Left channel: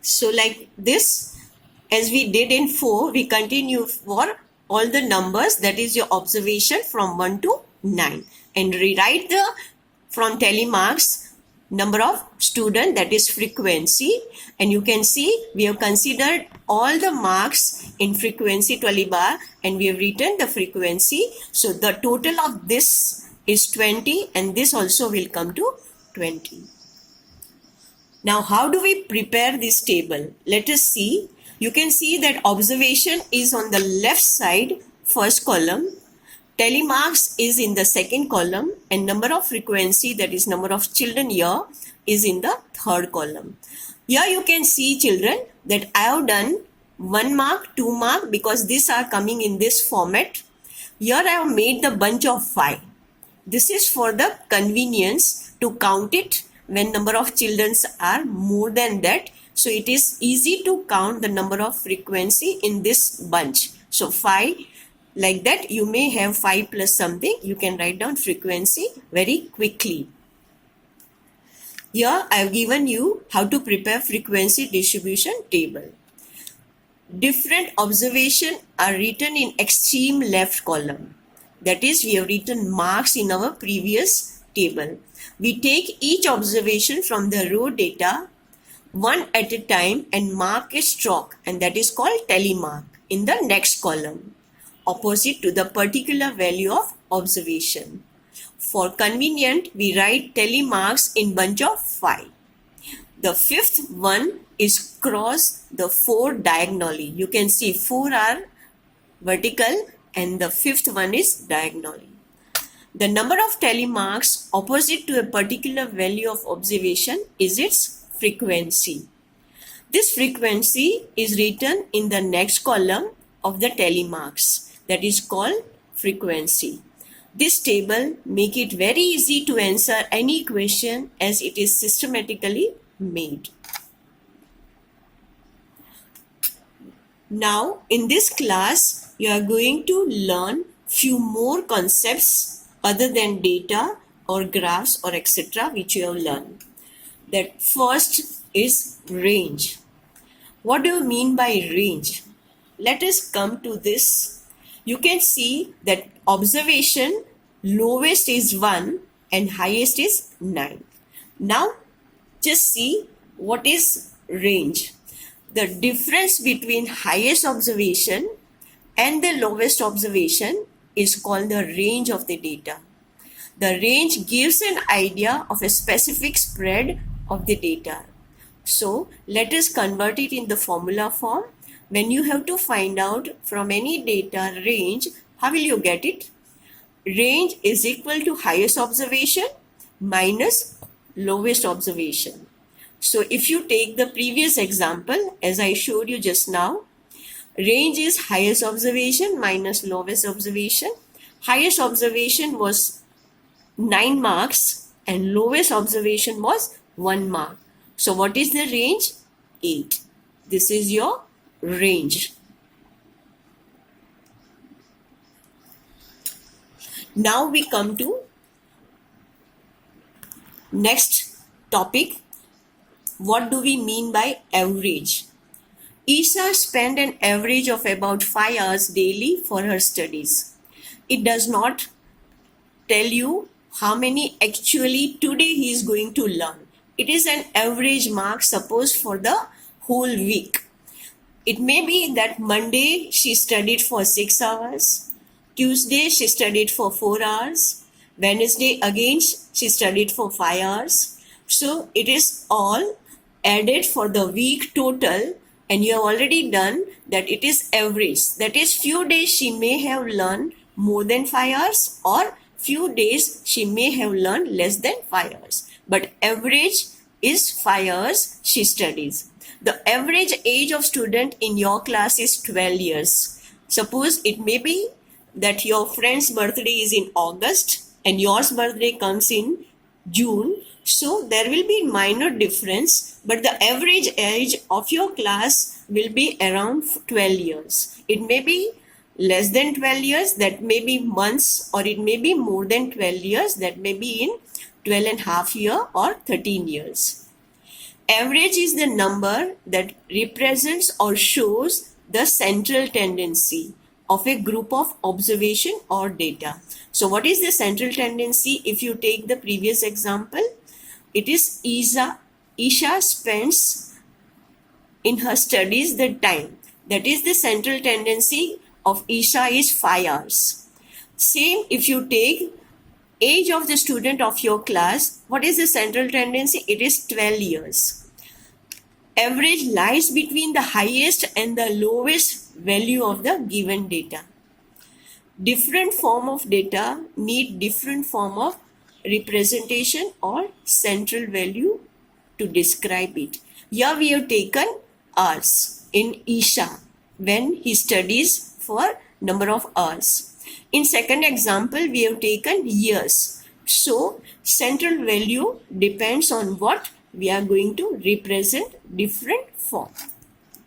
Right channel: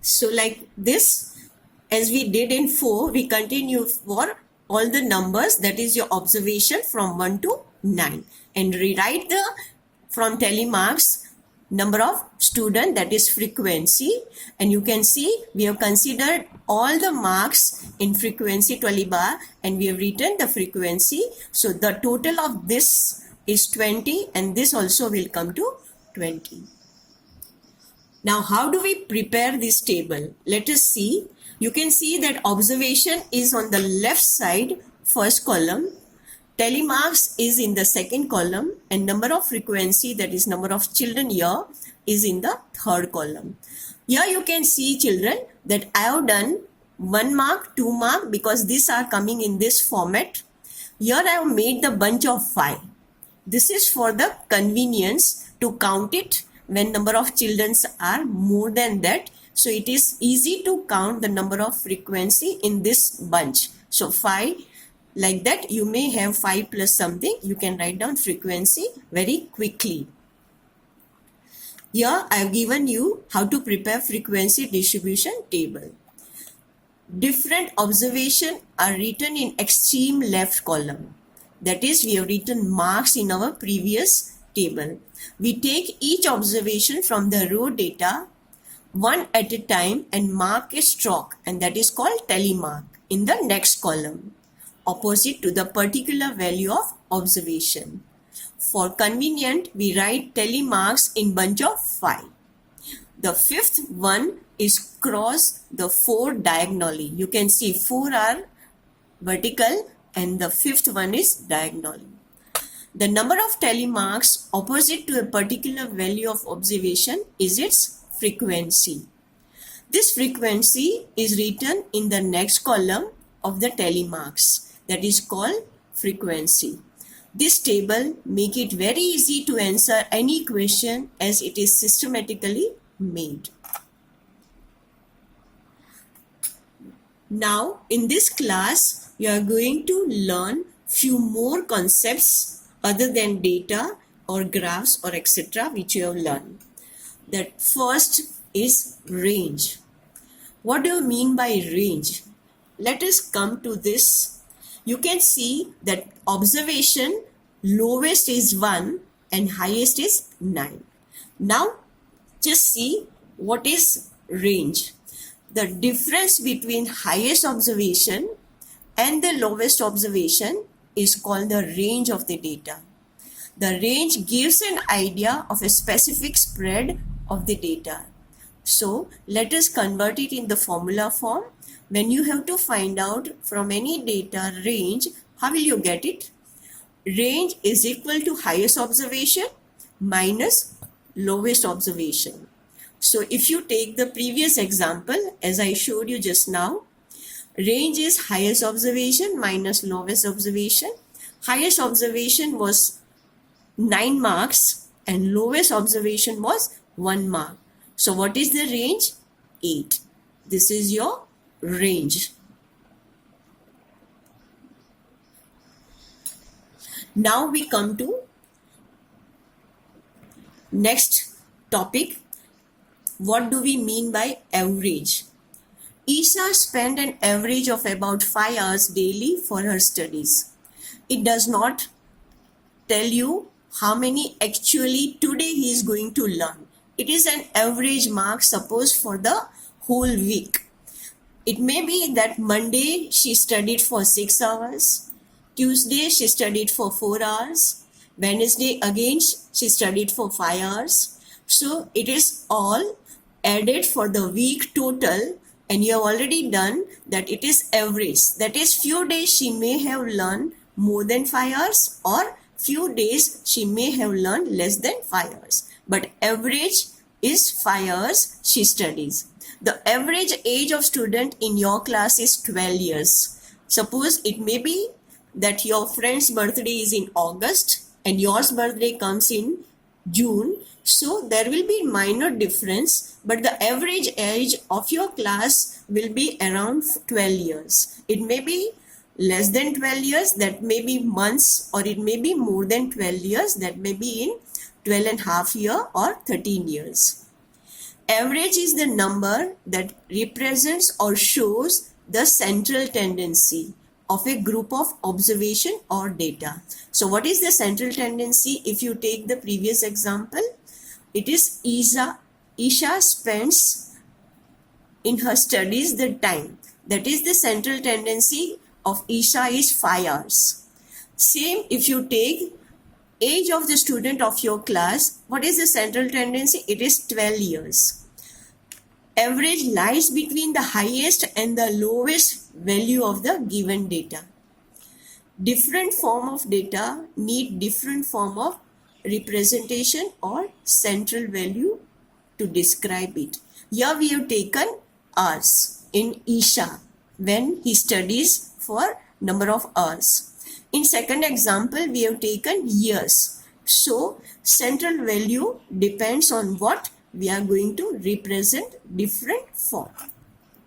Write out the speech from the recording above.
So like this, as we did in 4, we continue for all the numbers, that is your observation from 1 to 9, and rewrite the from telemarks number of student, that is frequency, and you can see we have considered all the marks in frequency 12 bar and we have written the frequency. So the total of this is 20 and this also will come to 20. Now how do we prepare this table? Let us see. You can see that observation is on the left side, first column. Telemarks is in the second column and number of frequency, that is number of children here, is in the third column. Here you can see, children, that I have done 1 mark, 2 mark because these are coming in this format. Here I have made the bunch of 5. This is for the convenience to count it when number of children are more than that. So it is easy to count the number of frequency in this bunch. So 5. Like that, you may have 5 plus something. You can write down frequency very quickly. Here I have given you how to prepare frequency distribution table. Different observations are written in extreme left column. That is, we have written marks in our previous table. We take each observation from the raw data one at a time and mark a stroke, and that is called telemark in the next column, opposite to the particular value of observation. For convenient, we write telemarks in bunch of 5. The fifth one is cross the 4 diagonally. You can see 4 are vertical and the fifth one is diagonally. The number of telemarks opposite to a particular value of observation is its frequency. This frequency is written in the next column of the telemarks, that is called frequency. This table make it very easy to answer any question as it is systematically made. Now in this class you are going to learn few more concepts other than data or graphs or etc. which you have learned. That first is range. What do you mean by range? Let us come to this. You can see that observation lowest is 1 and highest is 9. Now just see what is range. The difference between highest observation and the lowest observation is called the range of the data. The range gives an idea of a specific spread of the data. So let us convert it in the formula form. When you have to find out from any data range, how will you get it? Range is equal to highest observation minus lowest observation. So if you take the previous example as I showed you just now, range is highest observation minus lowest observation. Highest observation was 9 marks and lowest observation was 1 mark. So what is the range? 8. This is your range. Now we come to next topic. What do we mean by average? Isha spent an average of about 5 hours daily for her studies. It does not tell you how many actually today he is going to learn. It is an average mark, suppose for the whole week. It may be that Monday she studied for 6 hours, Tuesday she studied for 4 hours, Wednesday again she studied for 5 hours. So it is all added for the week total, and you have already done that it is average. That is, few days she may have learned more than 5 hours or few days she may have learned less than 5 hours. But average is 5 hours she studies. The average age of student in your class is 12 years. Suppose it may be that your friend's birthday is in August and yours birthday comes in June. So there will be minor difference, but the average age of your class will be around 12 years. It may be less than 12 years, that may be months, or it may be more than 12 years, that may be in 12 and a half year or 13 years. Average is the number that represents or shows the central tendency of a group of observation or data. So what is the central tendency? If you take the previous example, it is Isha spends in her studies the time. That is the central tendency of Isha is 5 hours. Same if you take age of the student of your class, what is the central tendency? It is 12 years. Average lies between the highest and the lowest value of the given data. Different form of data need different form of representation or central value to describe it. Here we have taken hours in Isha when he studies for number of hours. In second example, we have taken years. So, central value depends on what we are going to represent different form.